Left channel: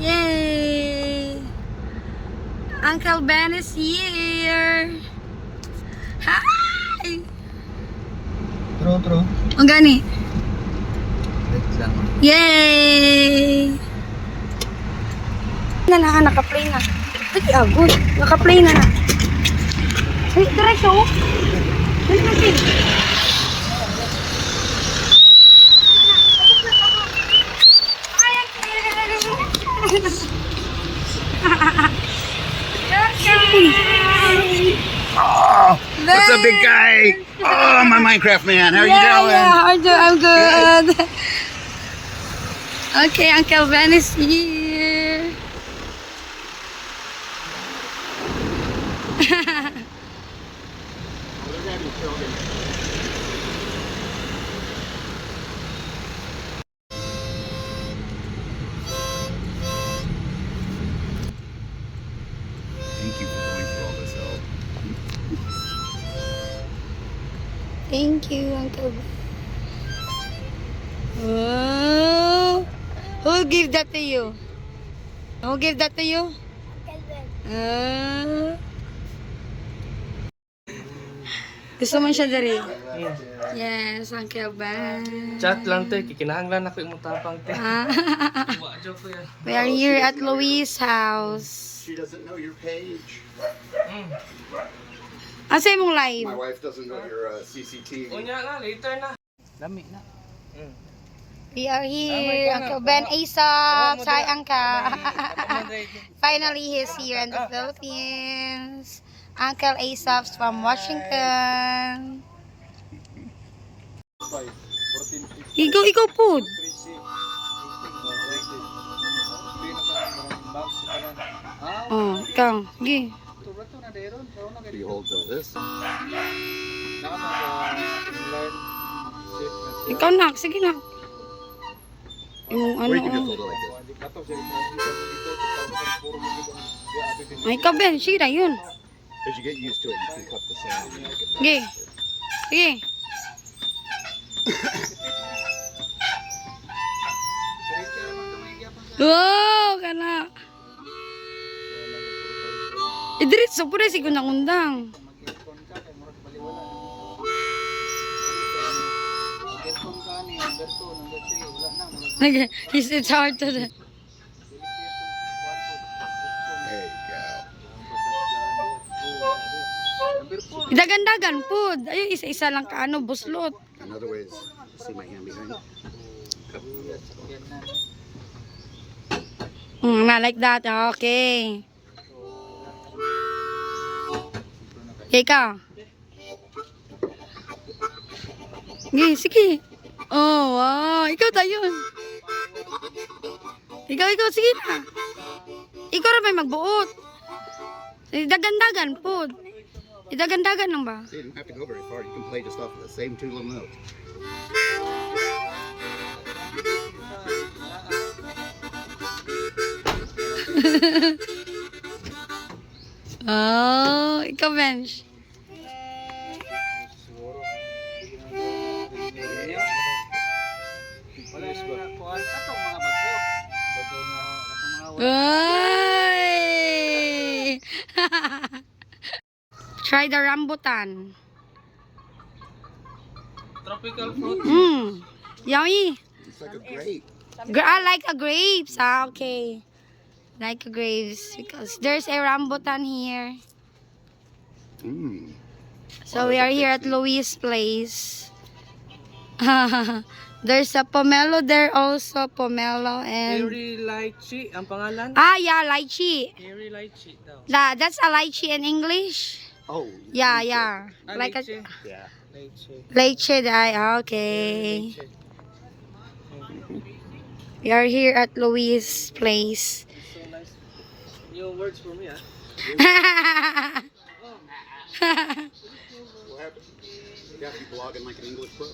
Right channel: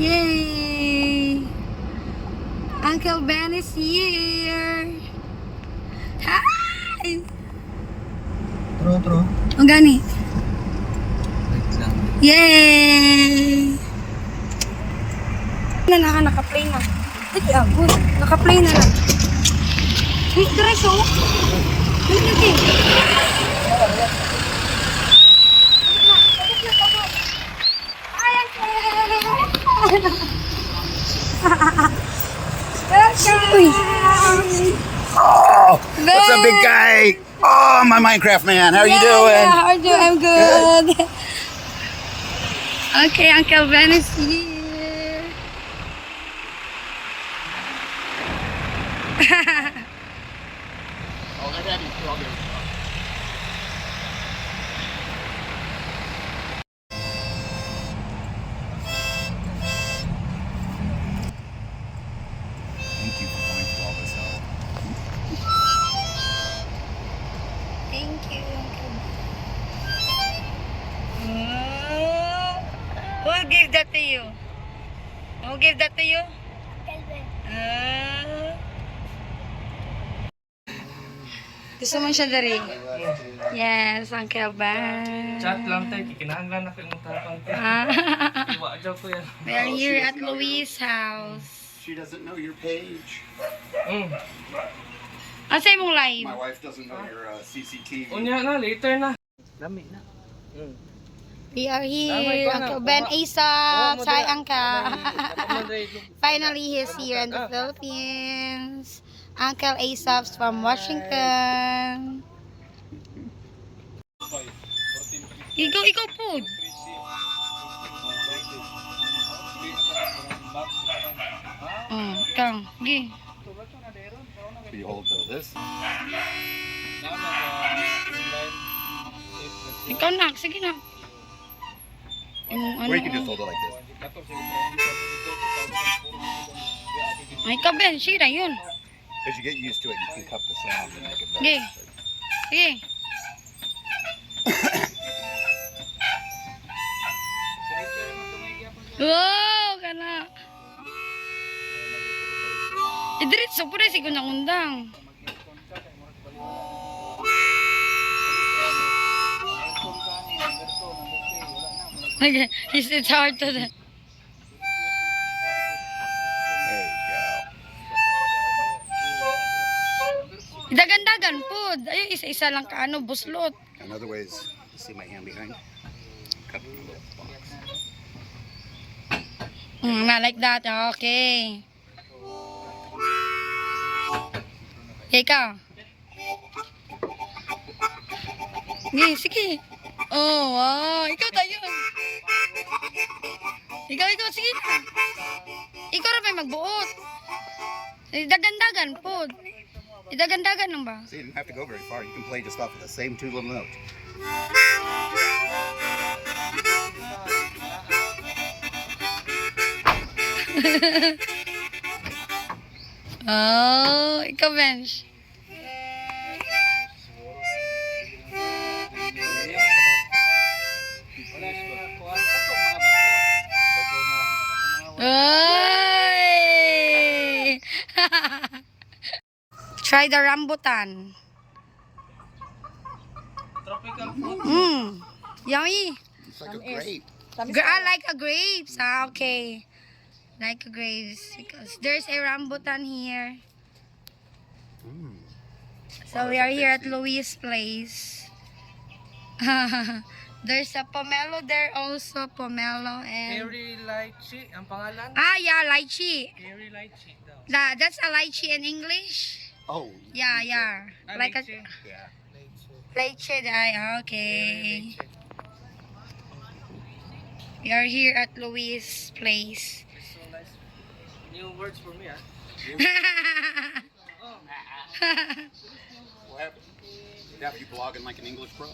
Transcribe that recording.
Yay! Uncle Ben is here. Hi! True. Ang gani. Wait lang. Yay! Naka-play na. Sige, good. Naka-play na. Ay, guys, oh. Balik natin. What's up, big guy? Oh, my Minecraft man. How are you doing? Yeah, I'm good. Okay, Uncle Ben is here. Oh, they're happy. They're all good. Thank you for going through all this help. Thank you, Uncle Ben. Oh, who gave that to you? Who gave that to you? Gusto mo siya dari? Yes, Uncle Ben. Chat lang to, kikinahanglan ako yung tapang te. Joke ko yan. We are here at Louis' house. She doesn't know your page. Asa mong live? My wife doesn't know your CCTV. Unya na, later na. Lami na. We are here, Uncle Ben Aesop. Hi, Uncle. Finally, he's here in the Philippines. Uncle Aesop from Washington. Ikaw po. Oh, ikaw. Gi. So you hold this. Ikaw na. Sige na. Yung Or you can ano. just hold it like this. Ay, ikaw Ben. Sige na yun. As you get used to it, you can cup the sound and make it Sige. Sige. Wow, kana. Idiritso po rin si Gunang-undang. It's hard to... There you go. Dagan-dagan po. Ayun, isa-isa lang ka, ano, buslot. And other ways, see my hand behind. Cut the little spots. Not like that. Okay. Ikaw. Sige. Oh, wow. Ikaw tayo. Ikaw. Sige na. Ikaw rin may magbuot. Dagan-dagan po. Dagan-dagan lang ba? See, you don't have to go very far. You can play just off of the same two little notes. Oh, ikaw, Bench. Ay! Try the rambutan. Tropical fruit. Yummy. It's like a grape. I like a grapes. Okay. Like a grapes because there's a rambutan here. So we are here at Louis' place. There's a pomelo there also. Pomelo and... Cherry lychee, ang pangalan? Yeah, lychee. Cherry lychee daw. That's a lychee in English? Oh. Yeah. Like a... Lychee. Yeah. Lychee. Lychee, okay. Lychee. We are here at Louis' place. So nice. New words for me, ah. Oh. What happened? You have to be blogging like an English pro.